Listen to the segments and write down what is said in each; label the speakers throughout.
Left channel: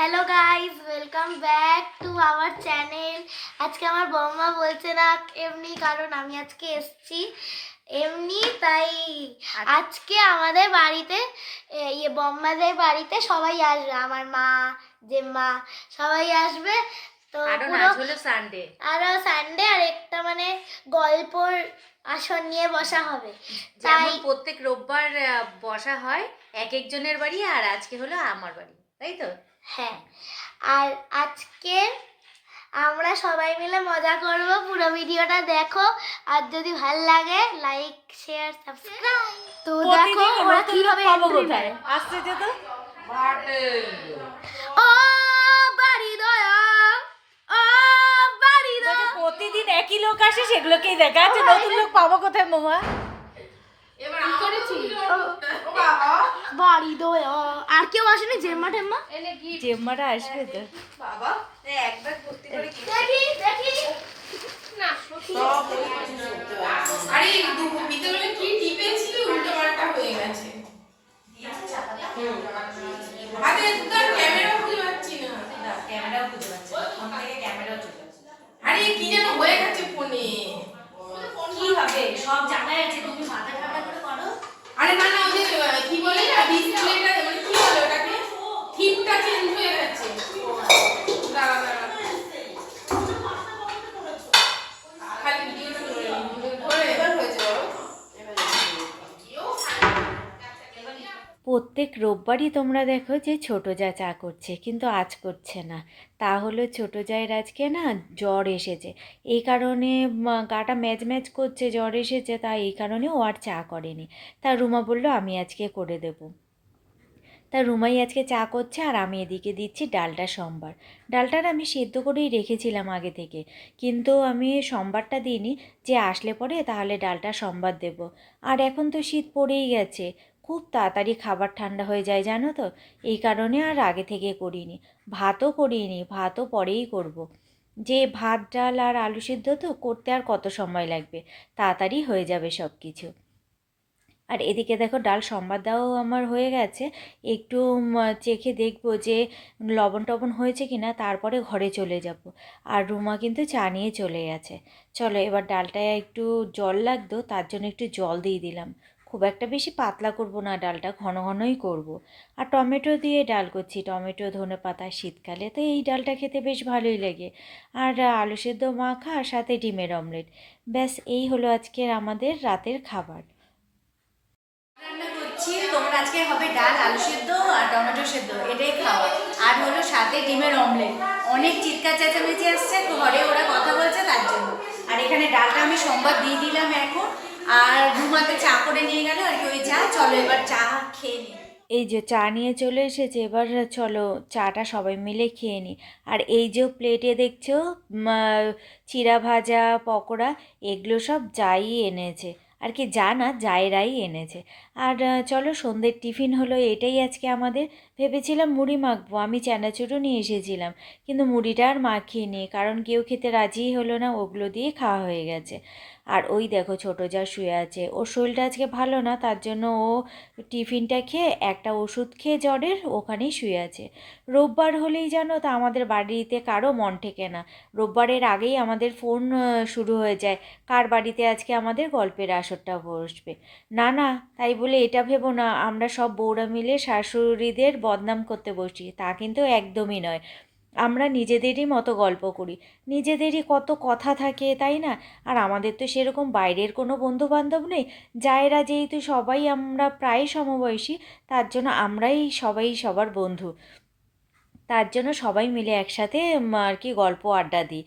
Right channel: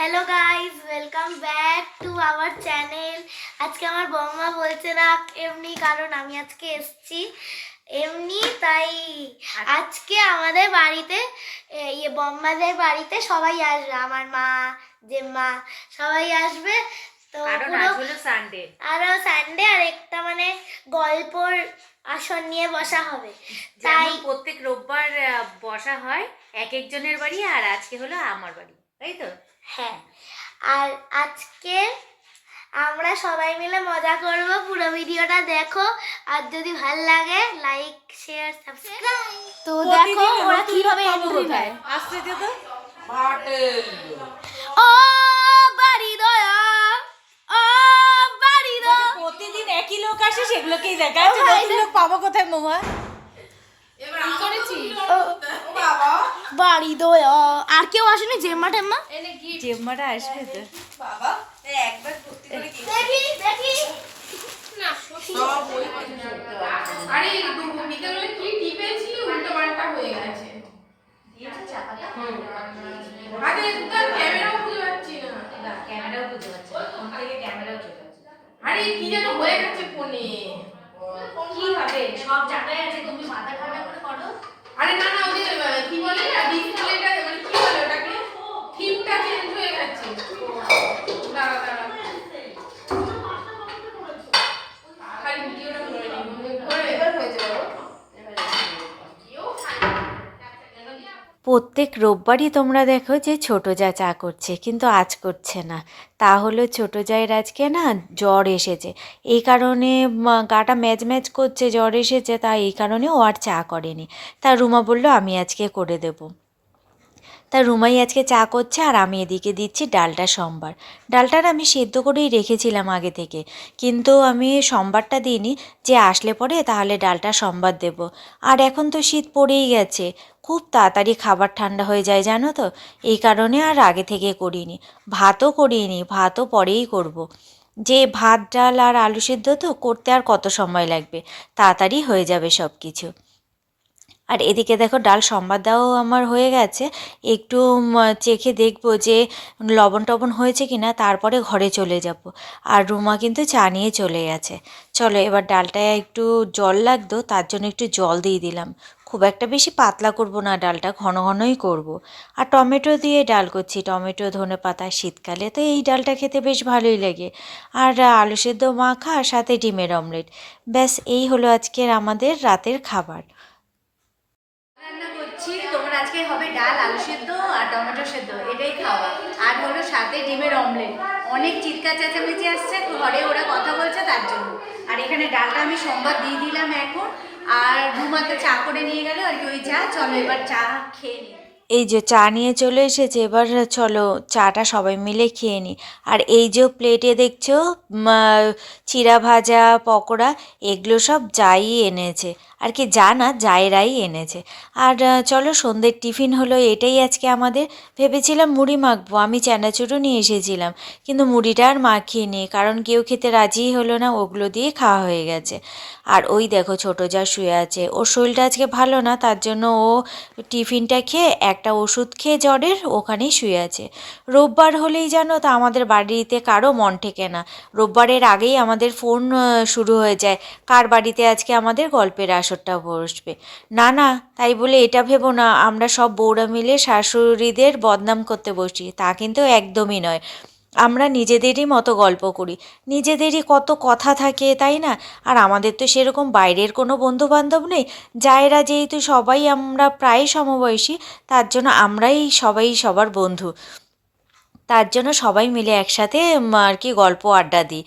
Speaker 1: Hello guys welcome back to our channel আজকে আমার বৌমা বলছে না এমনি কারণ আমি আজকে এসেছি এমনি তাই আজকে আমাদের বাড়িতে ইয়ে বম্মাদের বাড়িতে সবাই আসবে আমার মা জেম্মা সবাই আসবে। তো পুরো
Speaker 2: সানডে
Speaker 1: আরও সানডে আর একটা মানে গল্পর আসন নিয়ে বসা হবে। তাই
Speaker 2: প্রত্যেক রোববার বসা হয় এক একজনের বাড়ি আর আজকে হলো আমার বাড়ি তাই তো?
Speaker 1: হ্যাঁ আর আজকে আমরা সবাই মিলে মজা করব। পুরো ভিডিওটা দেখো। আর যদি ভালো লাগে লাইক শেয়ার সাবস্ক্রাইব তো দেখো ওরা কীভাবে এন্ট্রি নেয়।
Speaker 3: আসছে তো তো?
Speaker 1: ও বাড়ি দয়া ও বাড়ি দয়া
Speaker 3: প্রতিদিন একই লোক আসে সেগুলোকেই দেখা যাচ্ছে। নতুন লোক পাবো কোথায় মোমা
Speaker 1: বাড়ি দয়া। আর কেউ আসেনি? জেম্মা টেম্মা?
Speaker 3: চেম্বারে আসবে তো।
Speaker 1: দেখি দেখি।
Speaker 4: আরে দু- কি টিপেছিলি উল্টো পাল্টা হয়ে গেছে। আরে তোর ক্যামেরাও খুঁজে পাচ্ছি না।
Speaker 2: ক্যামেরাও বুঝতে পারছি ফোন থেকে ক্যামেরাও চলে
Speaker 4: আরে কি যেন হয়ে গেছে ফোনে।
Speaker 2: কি হবে? সব জায়গায় আছে তুমি মাথা ঠান্ডা করে করো
Speaker 4: আরে না না ওদের আহ, কি বলে না ডিসপ্লেটা মানে কি বলে ওটাকে থিমটা চেঞ্জ হয়ে গেছে দাঁড়া দাঁড়া খালি ভিডিওটা করে নিই। ধরে এবার হয়েছে বাবা
Speaker 2: প্রত্যেক রোববারই তোমরা দেখো যে ছোট যা চা করছে, কিন্তু আজ করছে না। তা হলো ছোট জায়ের আজকে না জ্বর এসেছে। এই কারণে গাটা ম্যাচ ম্যাচ করছে, জ্বর এসেছে তা এই কারণে ও আর চা করেনি। তা রুমা বলল, আমি আজকে করে দেবো। তা রুমাই আজকে চা করছে আর আমি এদিকে দিচ্ছি ডালটা সোমবার। ডালটার আমি সেদ্ধ করেই রেখেছিলাম আগে থেকে। কিন্তু আমি সোমবারটা দিইনি, যে আসলে পরে তাহলে ডালটা সোমবার দেব। আর এখন তো শীত পড়েই গেছে, খুব তাড়াতাড়ি খাবার ঠান্ডা হয়ে যায় জানো তো? এই কারণে আর আগে থেকে করিনি। ভাতও করিনি, ভাতও পরেই করব। যে ভাত, ডাল আর আলু সিদ্ধ তো করতে আর কত সময় লাগবে? তাড়াতাড়ি হয়ে যাবে সব কিছু আর এদিকে দেখো ডাল সম্বাদ দেওয়াও আমার হয়ে গেছে। একটু চেখে দেখব যে লবণ টবণ হয়েছে কি না তারপরে ঘরে চলে যাব। আর রুমা কিন্তু চা নিয়ে চলে গেছে। চলো এবার ডালটায় একটু জল লাগতো, তার জন্য একটু জল দিয়ে দিলাম। খুব একটা বেশি পাতলা করব না ডালটা, ঘন ঘনই করব। আর টমেটো দিয়ে ডাল করছি, টমেটো, ধনে পাতা, শীতকালে তো এই ডালটা খেতে বেশ ভালোই লাগে। আর আলু সেদ্ধ মাখা আর সাথে ডিমের অমলেট। ব্যাস, এই হলো আজকের আমাদের রাতের খাবার। রান্না করছি। তোমার আজকে হবে ডাল, আলু সেদ্ধ আর টমেটো সেদ্ধ, এটাই খাওয়া। আর হলো সাথে ডিমের অমলেট। অনেক চিৎকার চেঁচামেচি আসছে, ঘরে ওরা কথা বলছে তার জন্য। আর এখানে ডালটা আমি সোমবার দিয়ে দিলাম এখন। আর রুমাতে চা করে নিয়ে গেল, আর কি ওই চা। চলো এবার চা খেয়ে নিই এই যে চা নিয়ে চলে এসেছে, এবার চলো চাটা সবাই মিলে খেয়ে নিই আর এই যে প্লেটে দেখছ চিরা ভাজা, পকোড়া, এগুলো সব যাই এনেছে। আর কি যা না জায়রাই এনেছে। আর চলো সন্ধ্যের টিফিন হলো এটাই আজকে আমাদের। ভেবেছিলাম মুড়ি মাখবো, আমি চানাচুরও নিয়ে এসেছিলাম, কিন্তু মুড়িটা আর মাখিয়ে নিই কারণ কেউ খেতে রাজিই হলো না, ওগুলো দিয়ে খাওয়া হয়ে গেছে। আর ওই দেখো ছোটো যা শুয়ে আছে, ওর শরীরটা আজকে ভালো না, তার জন্য ও টিফিনটা খেয়ে একটা ওষুধ খেয়ে জ্বরের ওখানেই শুয়ে আছে। রোববার হলেই জানো তা আমাদের বাড়িতে কারও মন ঠেকে না। রোববারের আগেই আমাদের ফোন শুরু হয়ে যায়, কার বাড়িতে আজকে আমাদের গল্পের আসরটা বসবে। না না, তাই বলে এটা ভেবো না, আমরা সব বউরা মিলে শাশুড়িদের বদনাম করতে বসি তা কিন্তু একদমই নয়। আমরা নিজেদেরই মতো গল্প করি, নিজেদেরই কত কথা থাকে, তাই না? আর আমাদের তো সেরকম বাইরের কোনো বন্ধু বান্ধব নেই, যায়েরা যেহেতু সবাই আমরা প্রায় সমবয়সী, তার জন্য আমরাই সবাই সবার বন্ধু। তার জন্য সবাই মিলে একসাথে আর কি গল্প আড্ডা দিই।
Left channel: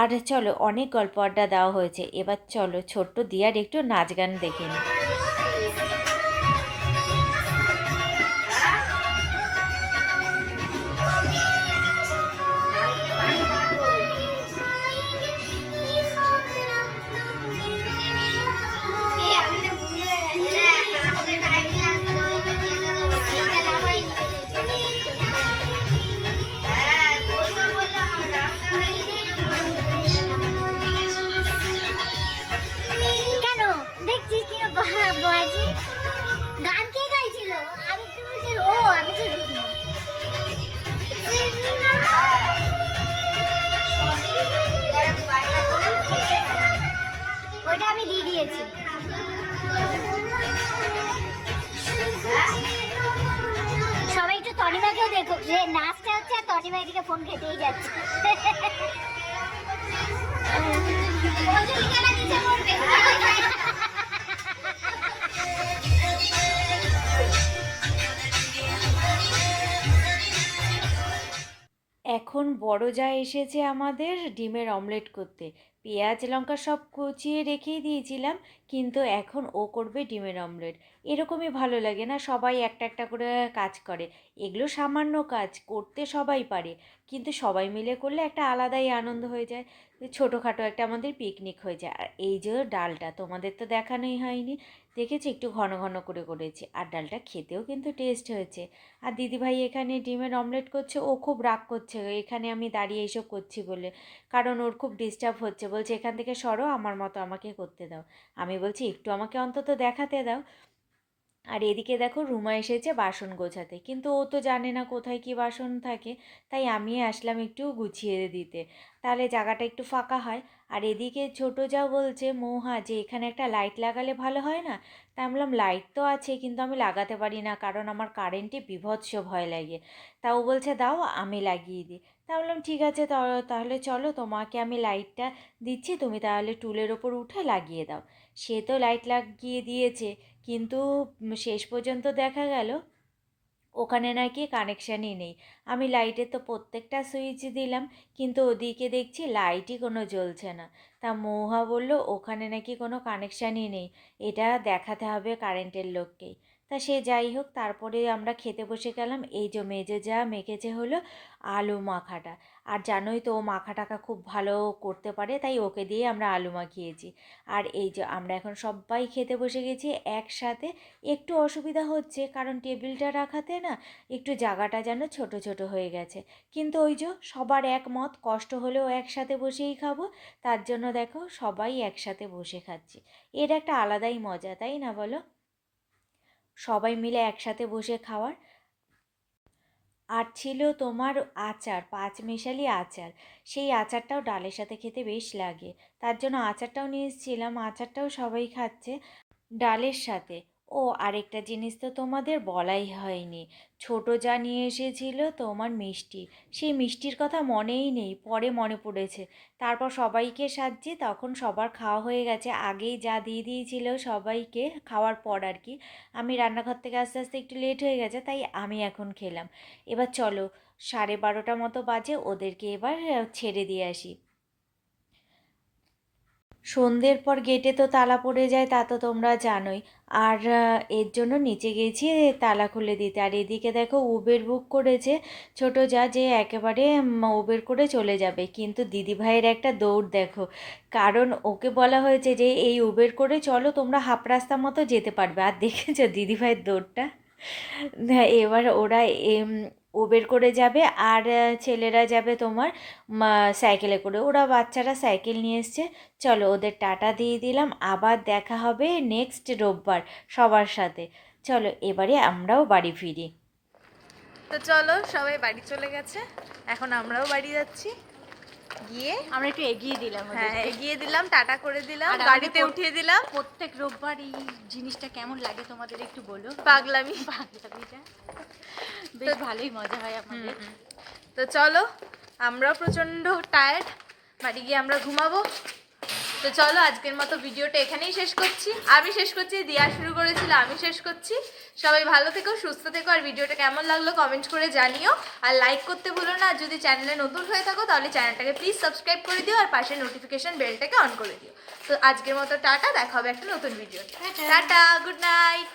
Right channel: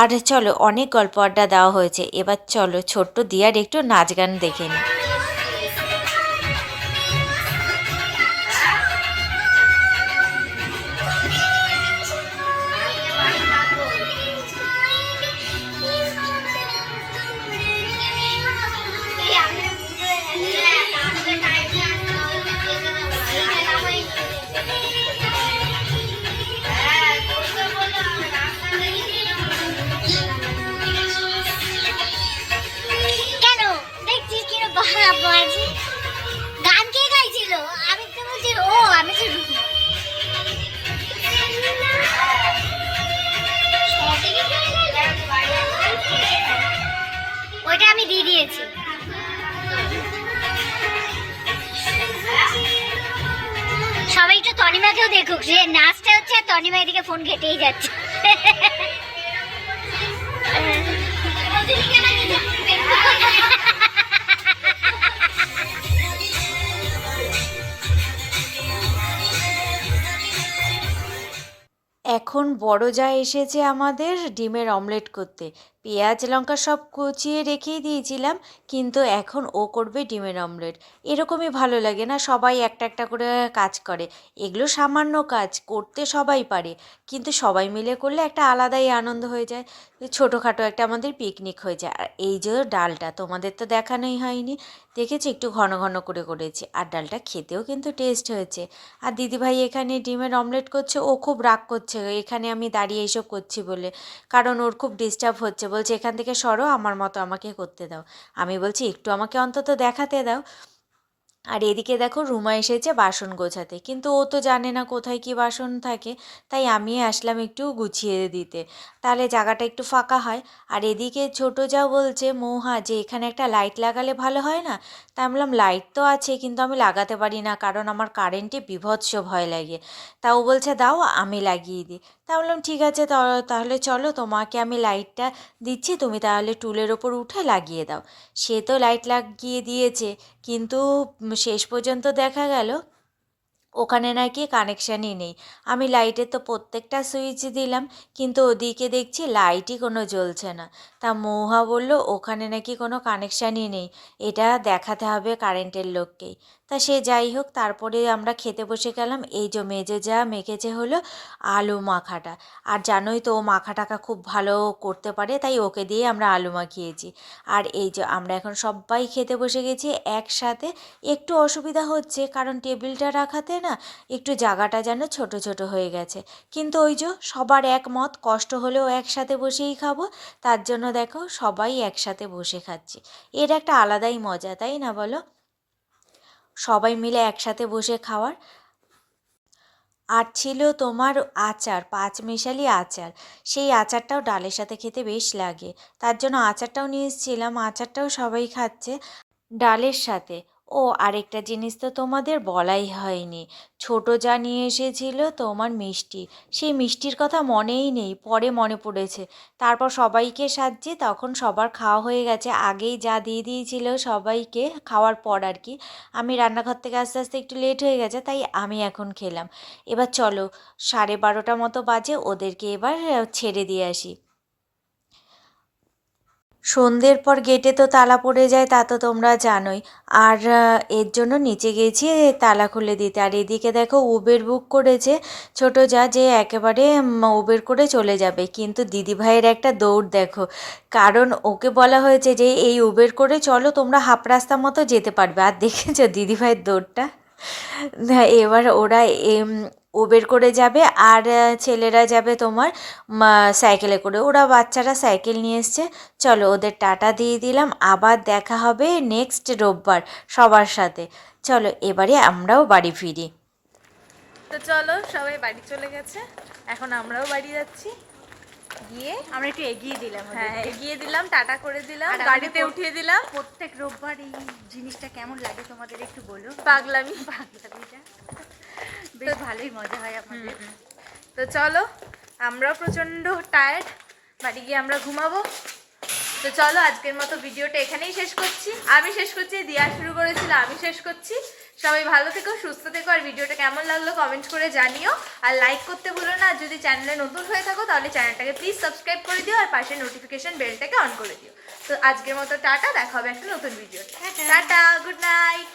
Speaker 2: আর চলো, অনেক গল্প আড্ডা দেওয়া হয়েছে। এবার চলো, ছোট্ট দিয়ার একটু নাচ গান দেখে নিই।
Speaker 5: যে নাচটা হচ্ছে, তনিমা এদিকে ফোন ঘেটেই যাচ্ছে।
Speaker 2: এখন বড় যা এসেছে আমাদের, ডিমের অমলেট করতে। পেঁয়াজ, লঙ্কা সব কুচিয়ে রেখেই দিয়েছিলাম, কিন্তু এখন ও করবে ডিমের অমলেট। এরকমই ভালো লাগে না, সবাই একটা একটা করে কাজ করে। এগুলো সামান্য কাজ, করতে সবাই পারে, কিন্তু সবাই মিলে করলে একটা আলাদাই আনন্দ হয়ে যায়। ছোটোখাটো একটা আমাদের পিকনিক হয়ে যায়। আর এই যে ডালটা, তোমাদের তো দেখানোই হয়নি। দেখেছি একটু ঘন ঘন করে করেছি। আর ডালটা খেতেও কিন্তু টেস্ট হয়েছে। আর দিদিভাই এখানে ডিমের অমলেট করছে, ও খুব রাগ করছে, এখানে আমি দাঁড়িয়ে এইসব করছি বলে। কারণ ওর খুব ডিস্টার্ব হচ্ছে বলছে, এখান থেকে সরো, আমার মতো আমাকে করতে দাও। আমি বলছি, একটু আমাকে অন্তত দেখাতে দাও। আর এদিকে দেখো, রুমা এসেছে বাসন গোছাতে। কিন্তু ও তো জানে না কোথায় কি বাসন থাকে, তাই আমি আসলাম একটু গুছিয়ে দিতে। তাহলে জায়গাটা একটু ফাঁকা হয়। আর এদিকে ছোটো যাও বলছে, মৌহা, যে এখানে একটা লাইট লাগালে ভালো হয় না? তা আমি বললাম, লাইট তো আছে, কিন্তু আমি লাগাতে পারি না, কারণ আমার কারেন্টে বিভৎস ভয় লাগে। তা ও বলছে, দাও, আমি লাগিয়ে দিই। তা বললাম, ঠিক আছে তাহলে চলো, তোমাকে আমি লাইটটা দিচ্ছি, তুমি তাহলে টুলের ওপর উঠে লাগিয়ে দাও। সে তো লাইট লাগিয়ে দিয়েছে, কিন্তু শেষ পর্যন্ত দেখা গেল ওখানে নাকি কানেকশানই নেই। আমি লাইটের তো প্রত্যেকটা সুইচ দিলাম, কিন্তু ওদিকে দেখছি লাইটই কোনো জ্বলছে না। তা মৌহা বলল, ওখানে নাকি কোনো কানেকশানই নেই, এটা দেখাতে হবে কারেন্টের লোককেই। তা সে যাই হোক, তারপরে আমরা খেতে বসে গেলাম। এই যে মেজে যা মেখেছে হলো আলু মাখাটা। আর জানোই তো ও মাখা টাকা খুব ভালো করতে পারে, তাই ওকে দিয়ে আমরা আলু মাখিয়েছি। আর এই যে আমরা এখন সবাই খেতে বসে গেছি একসাথে। একটু অসুবিধা হচ্ছে, কারণ টেবিলটা রাখাতে না একটু জায়গাটা যেন ছোট ছোট হয়ে গেছে। কিন্তু ওই যে সবার একমত, কষ্ট হলেও একসাথে বসেই খাব। তার জন্য দেখো সবাই একসাথে বসে খাচ্ছি। এর একটা আলাদাই মজা, তাই না বলো? সবাই মিলে একসাথে বসে খাওয়ার। আর ছিল তোমার আচার পাঁচ মিশালি আচার। সেই আচারটাও ডালের সাথে খেতে বেশ লাগে। তার জন্য আচারটাও নিয়ে এসেছিলাম, আচারটাও সবাই খাচ্ছে ডালের সাথে। ও আরেকটা জিনিস তো তোমাদের বলাই হয়নি। ছোট যা নিয়ে এসেছিল তোমার মিষ্টি। সেই মিষ্টির কথা মনেই নেই, পরে মনে পড়েছে। তারপর সবাইকে সাজছি, তখন সবার খাওয়া হয়ে গেছে। আগেই যা দিয়ে দিয়েছিল সবাইকে খাওয়ার পর আর কি। আমি রান্নাঘর থেকে আস্তে আস্তে একটু লেট হয়ে গেছে, তাই আমি এখন খেলাম। এবার চলো, সাড়ে বারোটা মতো বাজে, ওদেরকে এবার ছেড়ে দিয়ে আসি। সন্ধ্যের পর গেটে তো তালা পড়ে যায়, তা তো তোমরা জানোই। আর এর জন্য নিচে গেছি তালা খুলে দিতে। আর এদিকে দেখো উবের বুক করেছে, ছোট যা যে একেবারে উবের করে চলে যাবে। কিন্তু দিদিভাইয়ের একটা দৌড় দেখো। কারণ ওকে বলা হয়েছে যে, এই উবের করে চলো, তোমরা হাফ রাস্তা মতো যেতে পারবে। আর দেখেছ দিদিভাইয়ের দৌড়টা? এবার ওরা উবের করে যাবে আর ছেলেরা যাবে তোমার সাইকেলে করে। ওরা বাচ্চারা সাইকেল নিয়ে এসছে। চলো ওদের টাটা দিয়ে দিলাম। আবার দেখা হবে নেক্সট রোববার সবার সাথে। চলো এবারে আমরাও বাড়ি ফিরি।
Speaker 3: তো চলো সবাই বাড়ি চলে গেছে। এখন আমরাও বাড়ি যাচ্ছি। গিয়ে
Speaker 2: আমরা একটু এগিয়ে দিলাম
Speaker 3: হ্যাঁ এগিয়ে দিলাম টাটা করে দিলাম গাড়িতে উঠিয়ে দিলাম।
Speaker 2: প্রত্যেক রোববার এই জিনিসটা কেমন লাগে তোমাদের একটু বলো?
Speaker 3: পাগলামি।
Speaker 2: পাগলামিটা? বেশ ভালোই মজা হয় আমাদের।
Speaker 3: তো চলো আমরাও প্রচণ্ড টায়ার্ড বাড়ি গিয়ে আমরা ঘুমাবো। তো চলো আজকের মতো ভিডিওটা এখানেই শেষ করছি। আমি শেষ করছি দিয়া শুরু করেছিল আমি শেষ করছি। সবাই ভালো থেকো সুস্থ থেকো আর ভিডিওটা কেমন লাগল কমেন্ট করে জানিও। আর লাইক করতে ভুলো না যদি চ্যানেলে নতুন হয়ে থাকো তাহলে চ্যানেলটাকে প্লিজ সাবস্ক্রাইব করে দিও আর পাশে নোটিফিকেশান বেলটাকে অন করে দিও। তো আজকের মতো টাটা দেখা হবে একটা নতুন ভিডিও টাটা। Good night